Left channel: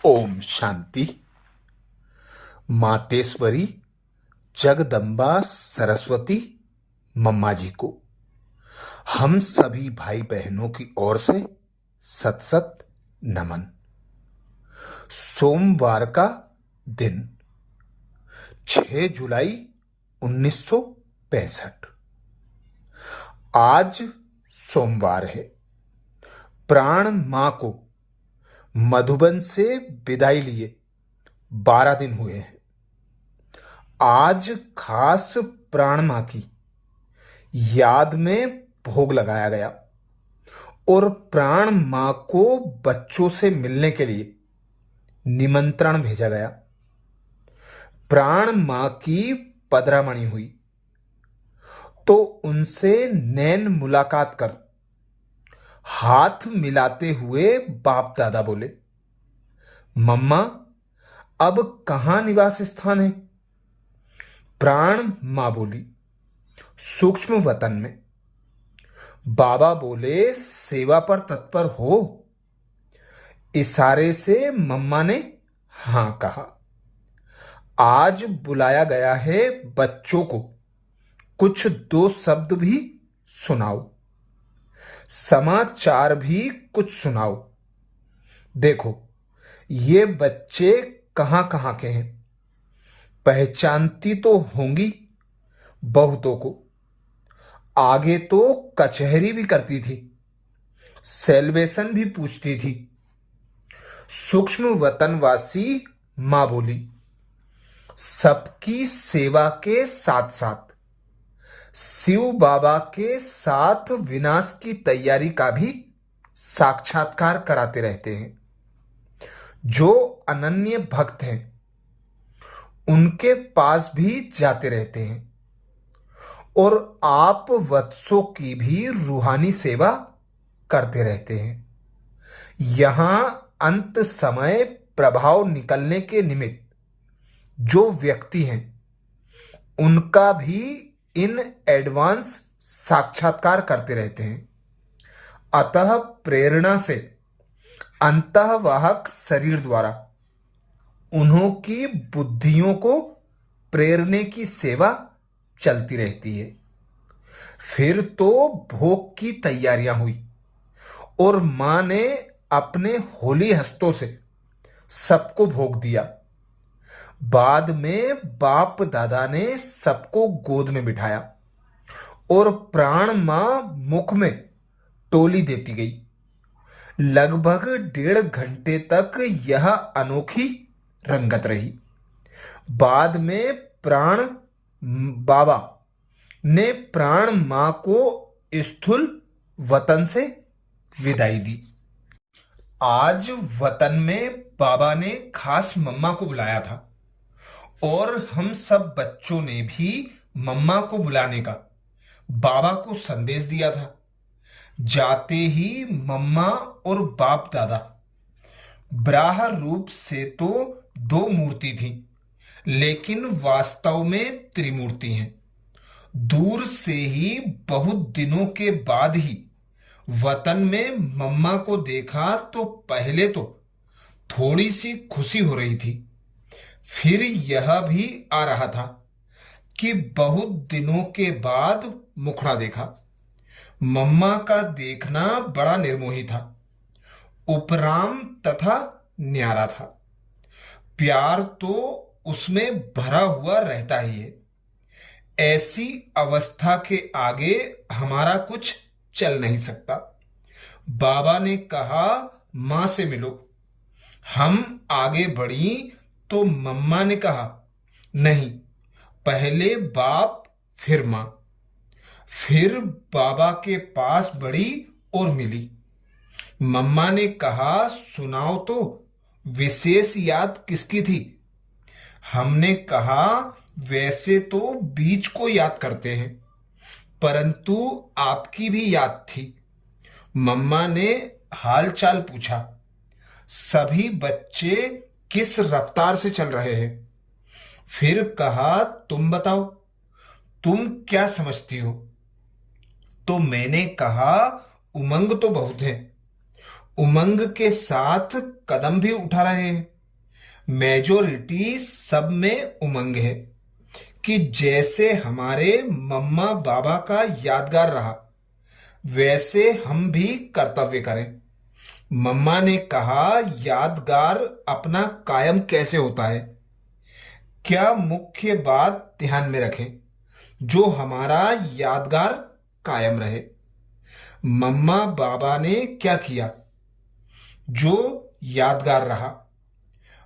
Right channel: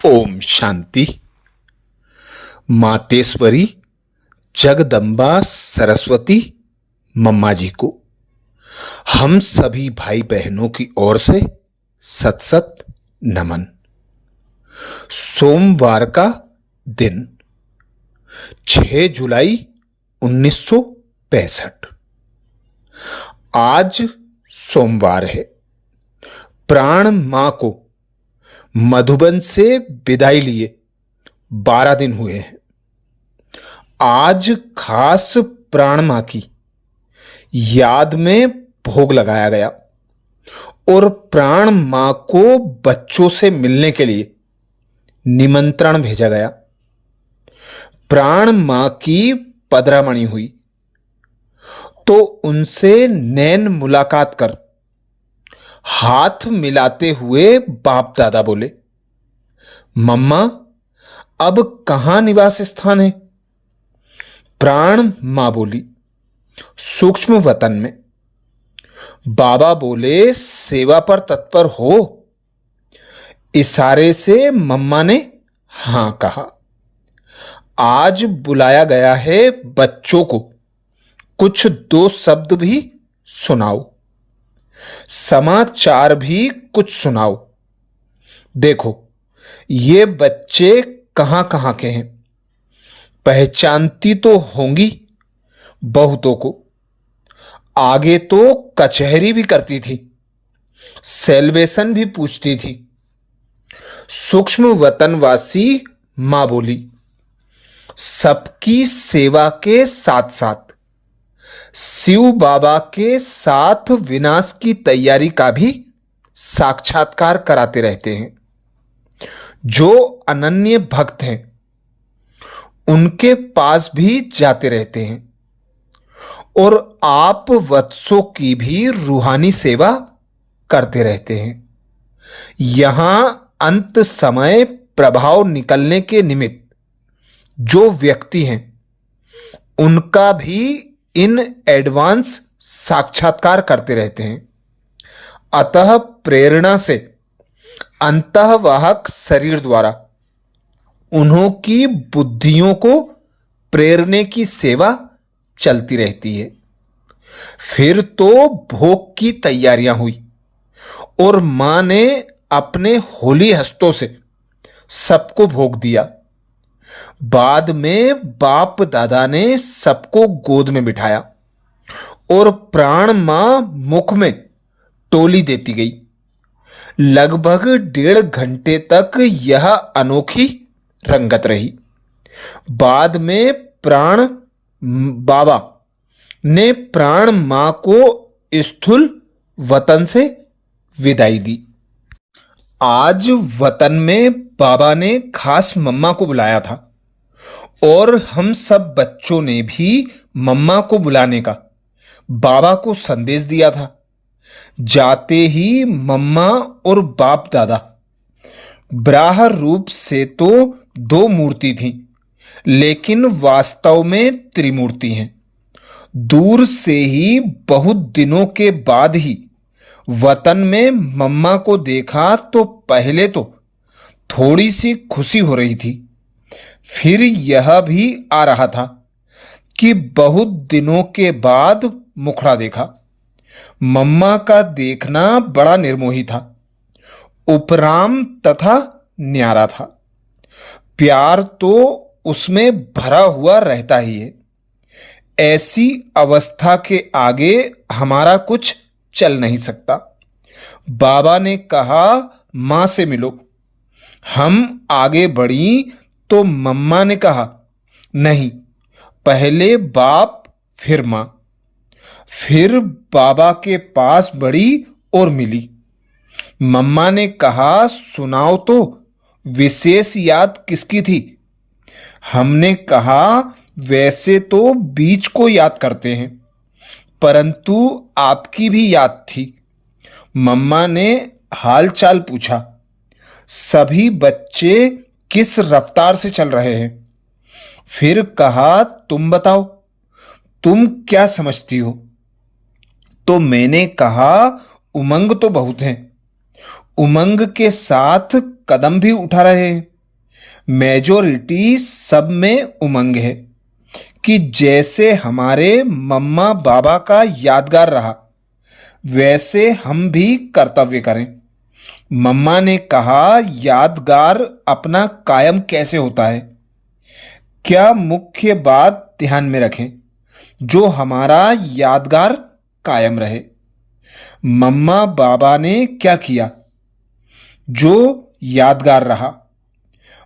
ओम शांति। मातेश्वरी जगदम्बा सरस्वती मम्मा जी को हम सभी भाई बहनों की ओर से सत सत नमन। सोमवार का दिन 6 जुलाई 1965। आज सोमवार है। प्राण मां को मधुबन से विदाई लिए 12 दिन हुए हैं। आज खास प्राण मां की याद में भोग लगाया गया और प्राण मां को बच्चों से मिलने के लिए निमंत्रण भेजा गया। प्राण मां की पधरामणि हुई तो उनसे नैन मुलाकात कर हाथ मिलाते हुए बाप दादा बोले, मम्मा अब कहां निवास स्थान है? प्राण मां बोली, सूक्ष्म वतन में। बाबा बोले, सेवा पर तत्पर हो? इशारे से मम्मा ने हां कहा। आज बुलाया गया है बच्चों को, कुछ 2 शब्द भी सुनाओ, समाचार भी कुछ सुनाओ। देखो ये बच्चे कहां कहां के हैं, पहचानती तो होंगी बहुतों को। आगे तो कचहरी भी करती थी, सेल्वेशन भी पूछती थी। सूक्ष्म वतनवासी मां बोली, सबकी सेवा के साथ साथ शिव बाबा के साथ विनाश की तैयारी का भी साक्षात्कार कराते रहते हैं। जो अनन्य भक्त हैं उनके पास भी जाते रहते हैं और आप वत्सों की भी रूहानी सेवा करते रहते हैं। यहां अंत समय प्रभाव निकलने के निमित्त जो व्यक्ति हैं उनका भी इन एडवांस साक्षात्कार करते रहते हैं। अतः प्रेरणा से अंतःवाहक शरीर द्वारा उन्हों की बुद्धियों को प्रेरने की सेवा चलती रहती है। फिर तो भोग की तैयारियां हुई और मां ने अपने होली हस्तों से सबको भोग दिया। बाद में बाप दादा ने सबको गोद में बिठाया और प्राण मां मुख में टोली देती गई। लगभग 1.5 घंटे तक यह अनोखी रंगत रही। बाद में प्राण बाबा ने प्राण मां को स्थूल वतन से विदाई दी। आज वतन में बाबा ने खास मम्मा को बुलाया था और हम सब बच्चों ने भी मम्मा को बुलाने का बाबा को संदेश दिया था। जाते ही मम्मा और बाप दादा ब्राह रूप से तो 2 मूर्ति थी, लेकिन वास्तव में त्रिमूर्ति हैं। दूर से ही बहुत दिनों के बाद ही वतन में मम्मा को देखा तो पहले तो थोड़ी सी खुशी हो रही थी, फिर यह भी आ रहा था कि बहुत दिनों के बाद मुखड़ा देखा। मम्मा का देखना बड़ा निर्मोही था, उपराम तथा न्यारा था। प्यार तो उसमें भरा हुआ रहता ही है। ऐसी अवस्था के आगे हमारा कुछ चल नहीं सकता। बाबा ने कहा, मां से मिलो। हम आगे बढ़ी तो मम्मा ने कहा, नहीं, पहले बाप फिर मां। फिर बाबा के पास बढ़ी और मिली। मम्मा ने कहा, सुनाओ तो, विशेष याद किसकी थी? हमने कहा, वैसे तो बीच को याद करते हैं, परंतु आपकी भी याद थी। मम्मा ने हालचाल पूछा। सभी बच्चे किस रफ्तार से चल रहे हैं? फिर कहा, तुम बताओ, तुम क्या समझती हो? तो मैंने कहा, उमंग तो बहुत है, उमंग के साथ कदम भी उठा रहे हैं। मेजोरिटी सब में उमंग है कि जैसे हमारे मम्मा बाबा का यादगार रहा वैसे हम भी कर्तव्य करें। मम्मा ने कहा, यादगार अपना कायम कैसे होता है? क्या मुख्य बात ध्यान में रखें जो हमारा यादगार कायम रहे। मम्मा बाबा ने क्या किया जो यादगार रहा?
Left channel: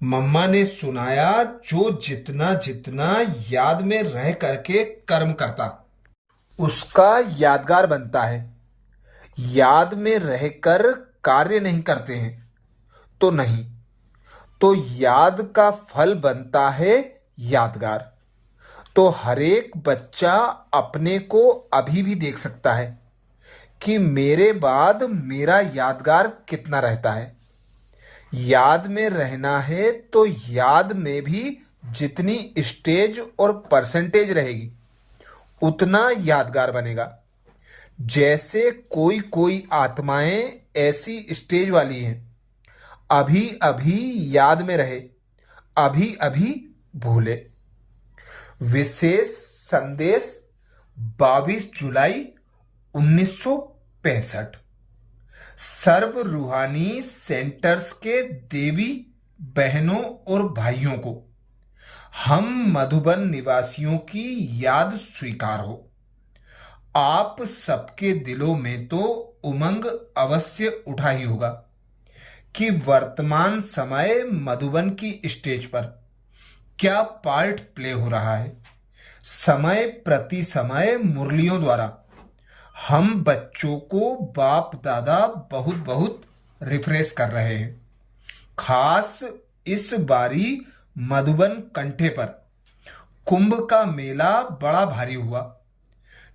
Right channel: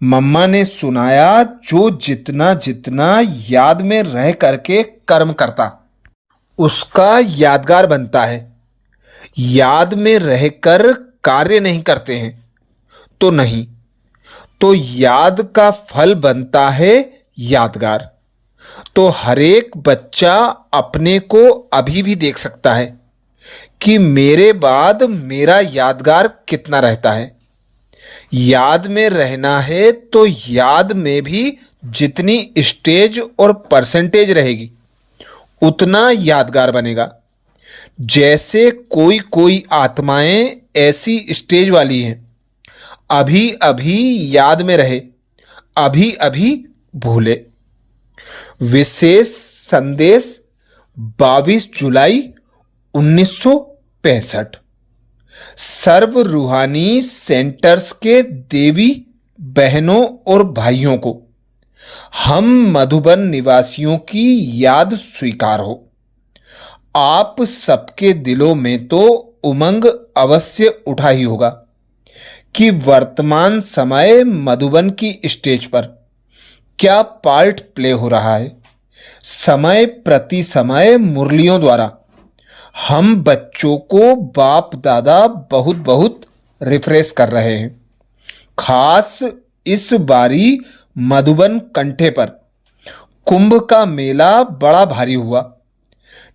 मम्मा ने सुनाया, जो जितना जितना याद में रह करके कर्म करता उसका यादगार बनता है। याद में रहकर कार्य नहीं करते हैं तो नहीं, तो याद का फल बनता है यादगार। तो हर एक बच्चा अपने को अभी भी देख सकता है कि मेरे बाद मेरा यादगार कितना रहता है। याद में रहना है तो याद में भी जितनी स्टेज और परसेंटेज रहेगी उतना यादगार बनेगा। जैसे कोई कोई आत्माएं ऐसी स्टेज वाली हैं, अभी अभी याद में रहे, अभी अभी भूले। विशेष संदेश 22 जुलाई 1965। सर्व रूहानी सेंटर्स के देवी बहनों और भाइयों को, हम मधुबन निवासियों की याद स्वीकार हो। आप सबके दिलों में तो उमंग अवश्य उठा ही होगा कि वर्तमान समय मधुबन की स्टेज पर क्या पार्ट प्ले हो रहा है। समय प्रति समय मुरलियों द्वारा हम बच्चों को बाप दादा बहुत बहुत रिफ्रेश कर रहे हैं। खास इस बारी मधुबन कंठे पर कुंभ का मेला बड़ा भारी हुआ,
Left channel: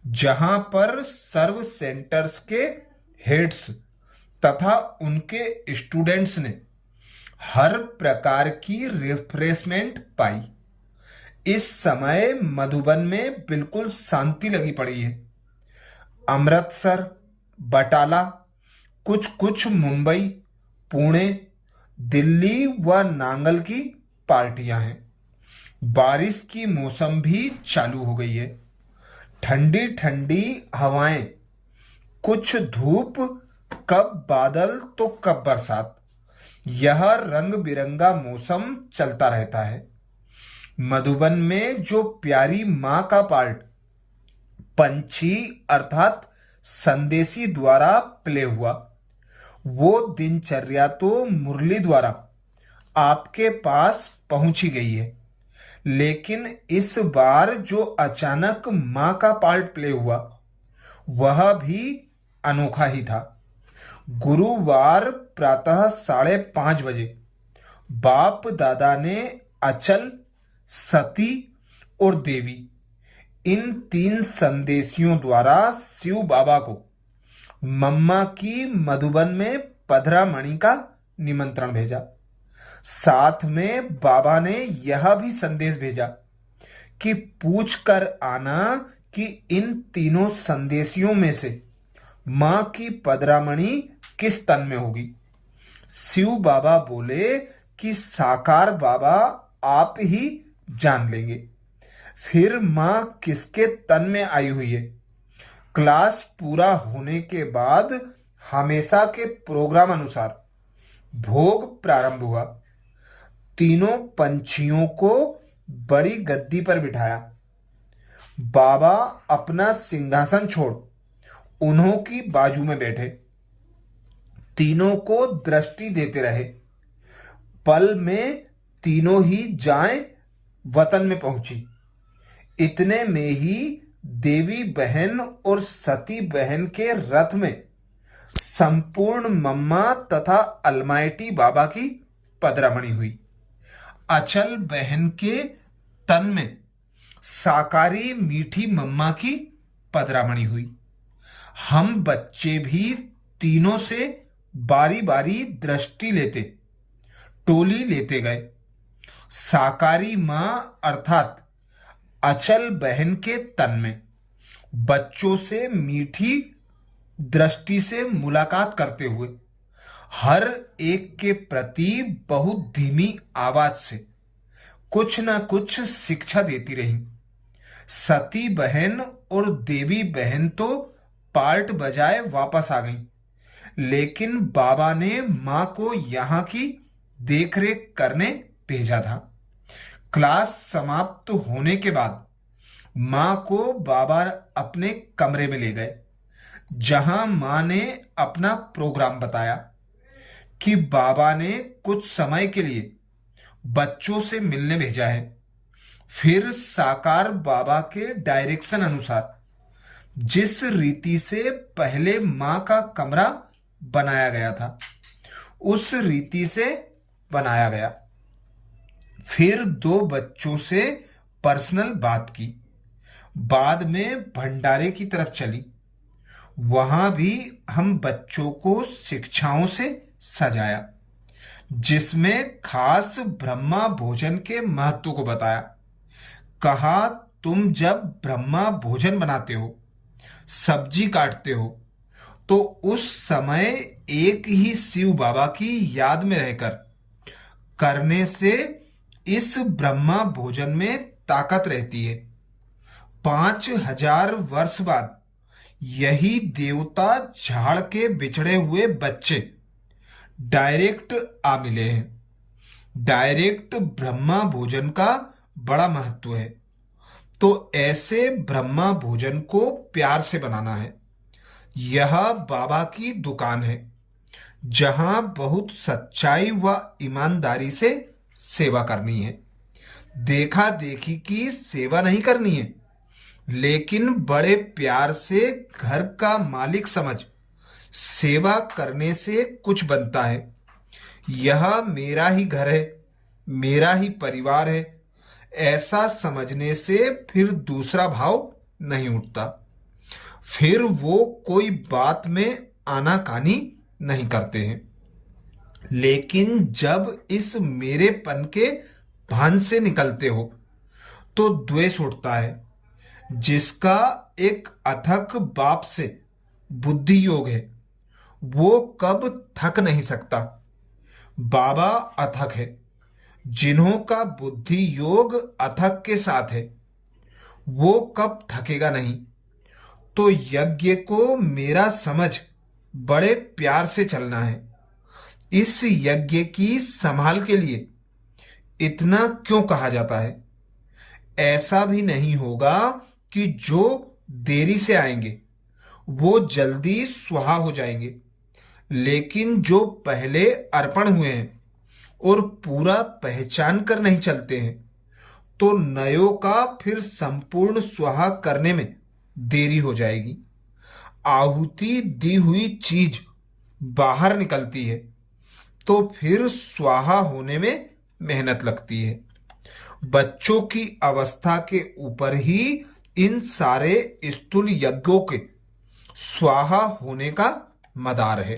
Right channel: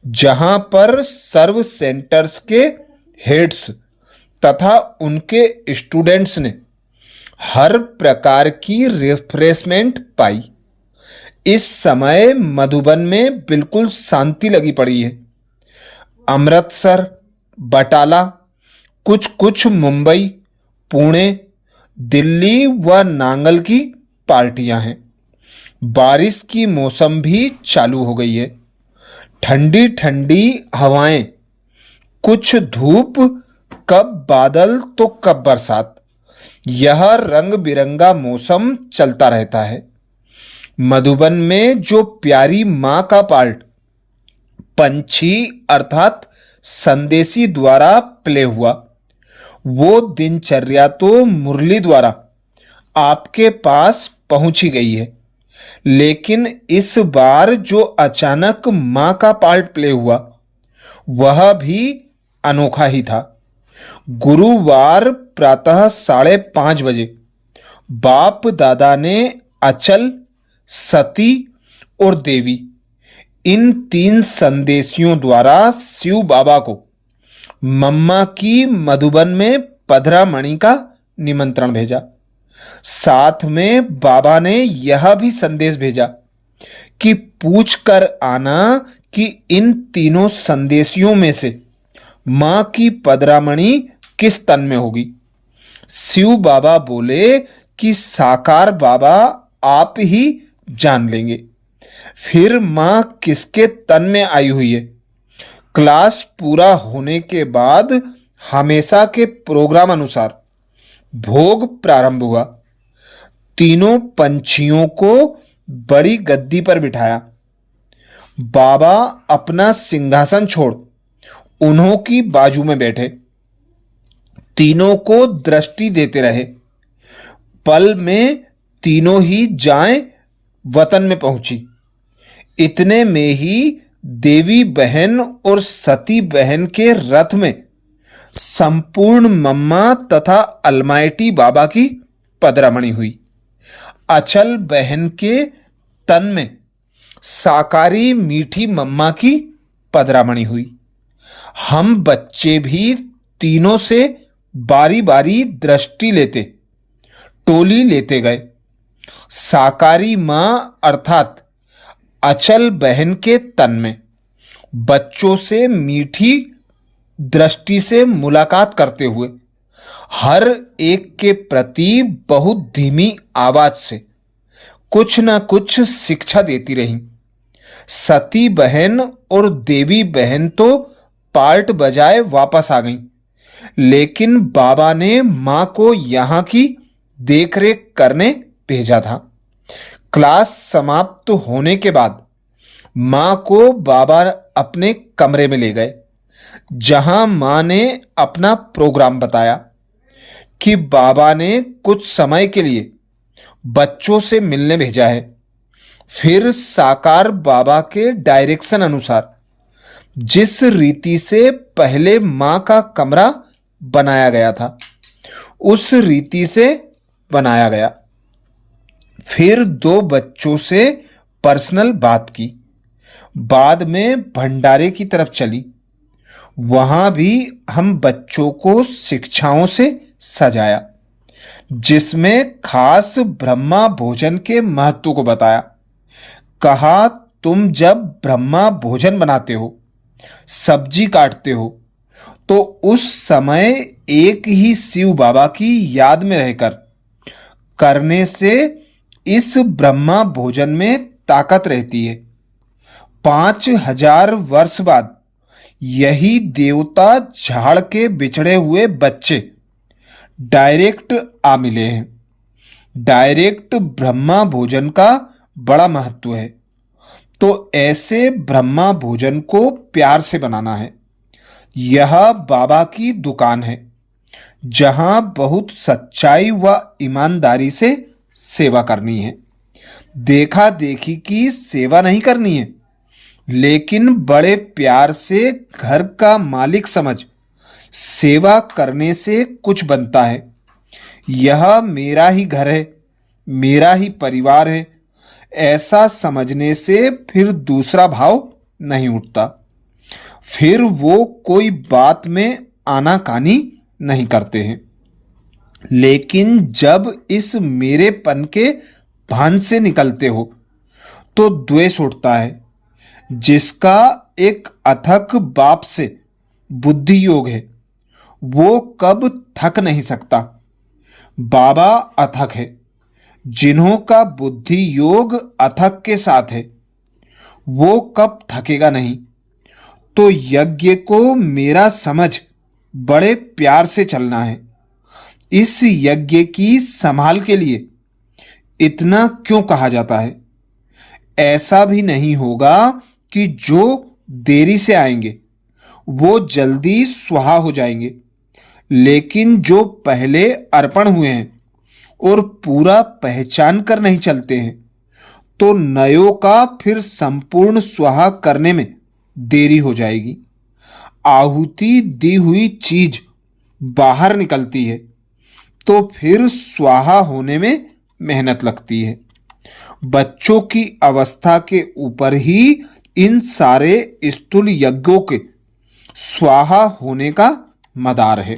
जहां पर सर्व सेंटर्स के हेड्स तथा उनके स्टूडेंट्स ने हर प्रकार की रिफ्रेशमेंट पाई। इस समय मधुबन में बिल्कुल शांति लगी पड़ी है। अमृतसर, बटाला, कुछ कुछ मुंबई, पुणे, दिल्ली व नांगल की पार्टियां हैं। बारिश की मौसम भी चालू हो गई है। ठंडी ठंडी हवाएं, कुछ धूप, कब बादल तो कब बरसात, यह रंग बिरंगा मौसम चलता रहता है। मधुबन में जो प्यारी मां का पार्ट पंछी अर्थात संदेशी द्वारा प्ले हुआ, वो दिनचर्या तो मुरली द्वारा आपके पास पहुंची गई है। लेकिन इस बार जो अचानक मां का पार्ट प्ले हुआ वह भी अनोखा ही था। गुरुवार प्रातः 5:30 बजे बाप दादा ने अचल, सती और देवी, इन 3 संदेशियों द्वारा शिव बाबा को मम्मा की मधुबन में पधरामणि का निमंत्रण भेजा। साथ में बाबा ने यह भी संदेश भेजा कि पूछ कर आना कि इन तीनों संदेशियों में से मां की पधरामणि किस तन में होगी। शिव बाबा बोले कि साकार बाबा आप ही जान लेंगे फिर मां किसके तन में आई हुई है। क्लास पूरा होने के बाद हमेशा के प्रोग्राम अनुसार भोग प्रारंभ हुआ। तीनों पंछियों को बड़ी गद्दी पर बिठाया। बाबा अपना सिंहासन छोड़ उन्हों की बाजू में बैठे। तीनों को दृष्टि देते रहे। पल में तीनों ही जाएं वतन में पहुंची। इतने में ही देवी बहन और सती बहन के रथ में संपूर्ण मम्मा तथा अलमाइटी बाबा की पधरामणि हुई। अचल बहन के तन में साकारी मीठी मम्मा की पधरामणि हुई। हम बच्चे भी तीनों से बारी बारी दृष्टि लेते, टोली लेते गए। साकारी मां अर्थात अचल बहन के तन में बच्चों से मीठी दृष्टि से मुलाकात करते हुए हर एक के प्रति बहुत धीमी आवाज से कुछ ना कुछ शिक्षा देती रही। सती बहन और देवी बहन तो पार्ट बजाए वापस आ गईं, लेकिन बाबा ने मां को यहां की देखरेख करने भेजा था। क्लास समाप्त होने के बाद मां को बाबा अपने कमरे में ले गए, जहां मां ने अपना प्रोग्राम बताया कि बाबा ने कुछ समय के लिए बच्चों से मिलने भेजा है। फिर साकार बाबा के डायरेक्शन अनुसार जिस रीति से पहले मां का कमरा बनाया गया था, उस रीति से बनाया गया। फिर दो बच्चों से पर्सनल बात की। बाद में भंडारे की तरफ चली। वहां भी हम बच्चों को शिक्षाओं से सजाया, जिसमें खास ब्रह्मा भोजन के महत्व को बताया। कहा, तुम जब ब्रह्मा भोजन बनाते हो, सब्जी काटते हो, तो उस समय एक ही शिव बाबा की याद में रहकर करने से इस ब्रह्मा भोजन में ताकत रहती है। 5000 वर्ष बाद यही देवता झाड़ के बिछड़े हुए बच्चे डायरेक्ट आ मिले हैं। डायरेक्ट ब्रह्मा भोजन का बड़ा महत्व है, तो ऐसे ब्रह्मा भोजन को प्यार से बनाना है। यह बाबा की दुकान है, जहां बहुत सच्चाई व ईमानदारी से सेवा करनी है। देखा देखी की सेवा नहीं करनी है, लेकिन बड़े प्यार से घर का मालिक समझ सेवा करने से कुछ बनता है। यह मेरा ही घर है, मेरा ही परिवार है, ऐसा समझने से फिर दूसरा भाव नहीं उठता। फिर वो कोई बात में आनाकानी नहीं करते हैं। लेकिन जब इस मेरेपन के भान से निकलते हो तो द्वेष उठता है, जिसका एक अथक बाप से बुद्धि योग है। वो कब थक नहीं सकता। बाबा अथक है। जिन्हों का बुद्धि योग अथक के साथ है, वो कब थकेगा नहीं। तो यज्ञ को मेरा समझ बड़े प्यार से चलना है। इस यज्ञ की संभाल के लिए इतना क्यों कहा जाता है। ऐसा भी नहीं होगा कि जो देरी से आएंगे वो जल्दी स्वाहा हो जाएंगे, लेकिन जो पहले अर्पण हुए हैं और पूरा पहचान कर नहीं चलते हैं, तो नयों का फिर संपूर्ण स्वाहा करने में देरी हो जाएगी। आहुति दी हुई चीज बाहर निकलती है तो फिर स्वाहा होने में मेहनत लगती है। बच्चों की अवस्था के ऊपर ही इन सारे स्थूल यज्ञों के स्वाहा होने का मदार है।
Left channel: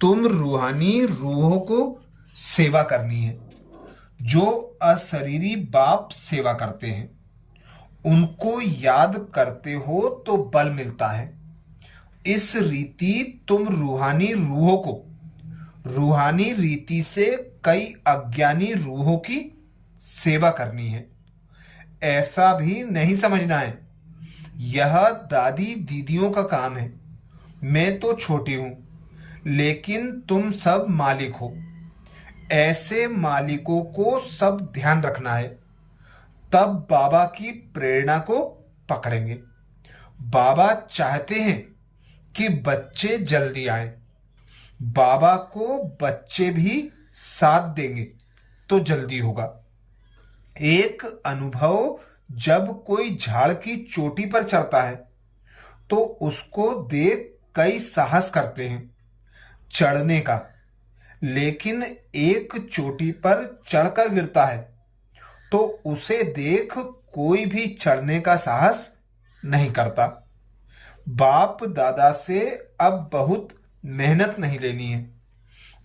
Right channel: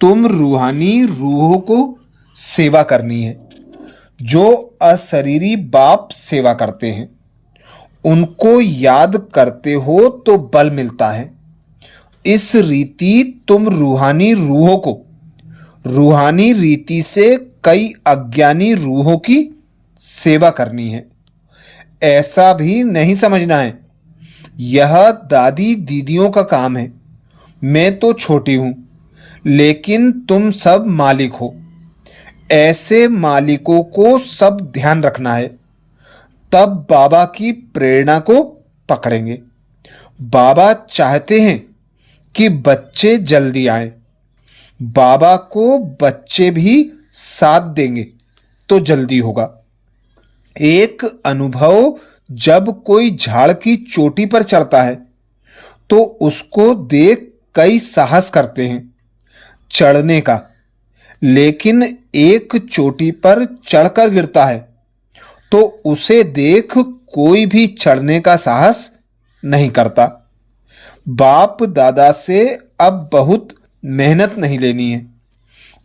तुम रूहानी रूहों को सेवा करनी है, जो अशरीरी बाप सेवा करते हैं। उनको याद करते हो तो बल मिलता है। इस रीति तुम रूहानी रूहों को रूहानी रीति से कई अज्ञानी रूहों की सेवा करनी है। ऐसा भी नहीं समझना है यह दादी दीदियों का काम है। मैं तो छोटी हूं, लेकिन तुम सब मालिक हो। ऐसे मालिकों को सब ध्यान रखना है, तब बाबा की प्रेरणा को पकड़ेंगे। बाबा चाहते हैं कि बच्चे जल्दी आए। बाबा को बच्चे भी साथ देंगे तो जल्दी होगा। एक अनुभव जब कोई झाड़ की चोटी पर चढ़ता है तो उसको देख कई साहस करते हैं चढ़ने का, लेकिन एक चोटी पर चढ़कर गिरता है तो उसे देख कोई भी चढ़ने का साहस नहीं करता। बाप दादा से अब बहुत मेहनत नहीं लेनी है।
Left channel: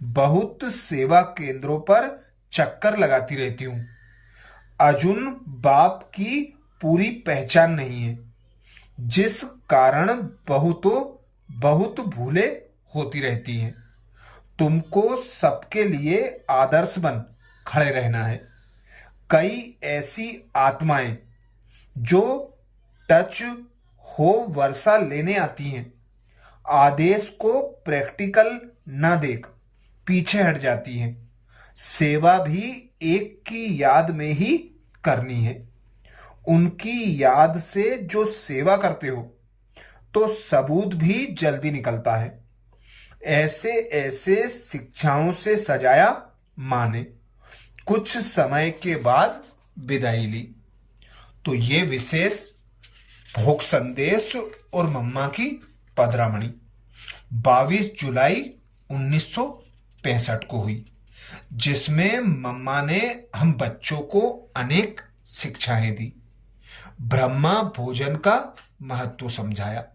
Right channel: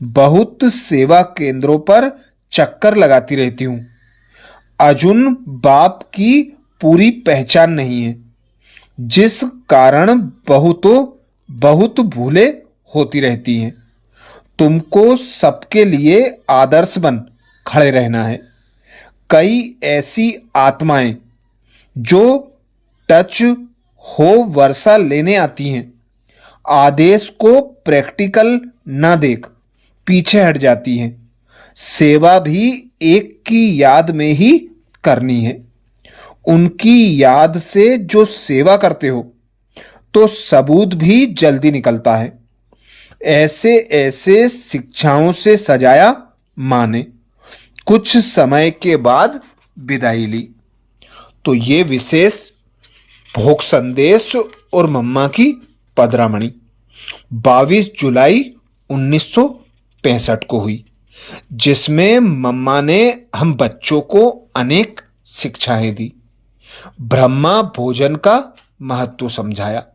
बहुत सेवा केंद्रों पर चक्कर लगाती रहती हूं। अर्जुन बाप की पूरी पहचान नहीं है, जिस कारण बहुत भूले होती रहती हैं। तुमको सबके लिए आदर्श बन खड़े रहना है। कई ऐसी आत्माएं जो टच हो वर्षा लेने आती हैं, आदेश को प्रैक्टिकल न देख पीछे हट जाती हैं। सेवा भी एक की याद में ही करनी है। उनकी याद से जो सेवा करते हो तो सबूत भी जल्दी निकलता है। ऐसे ऐसे शिक्षाओं से सजाया माँ ने। कुछ समय के बाद विदाई ली। तो ये विशेष भोग संदेश और मम्मा की पदरामणि 22 जुलाई 1965 को हुई, जिसमें मम्मा ने हम बच्चों को अनेक शिक्षाएं दी। ब्रह्मा भोजन का महत्व समझाया,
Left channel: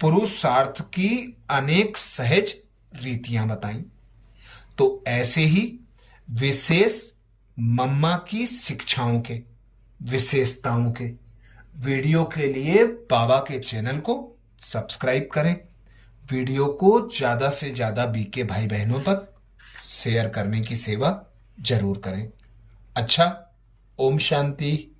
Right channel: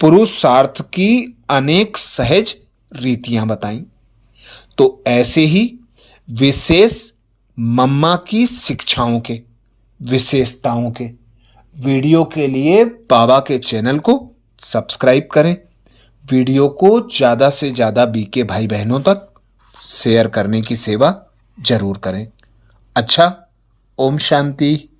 पुरुषार्थ की अनेक सहज रीतियां बताई। तो ऐसे ही विशेष मम्मा की शिक्षाओं के, विशेषताओं के वीडियो के लिए बाबा के चैनल को सब्सक्राइब करें। वीडियो को ज़्यादा से ज़्यादा बीके भाई बहनों तक शेयर करने की सेवा जरूर करें। अच्छा, ओम शांति।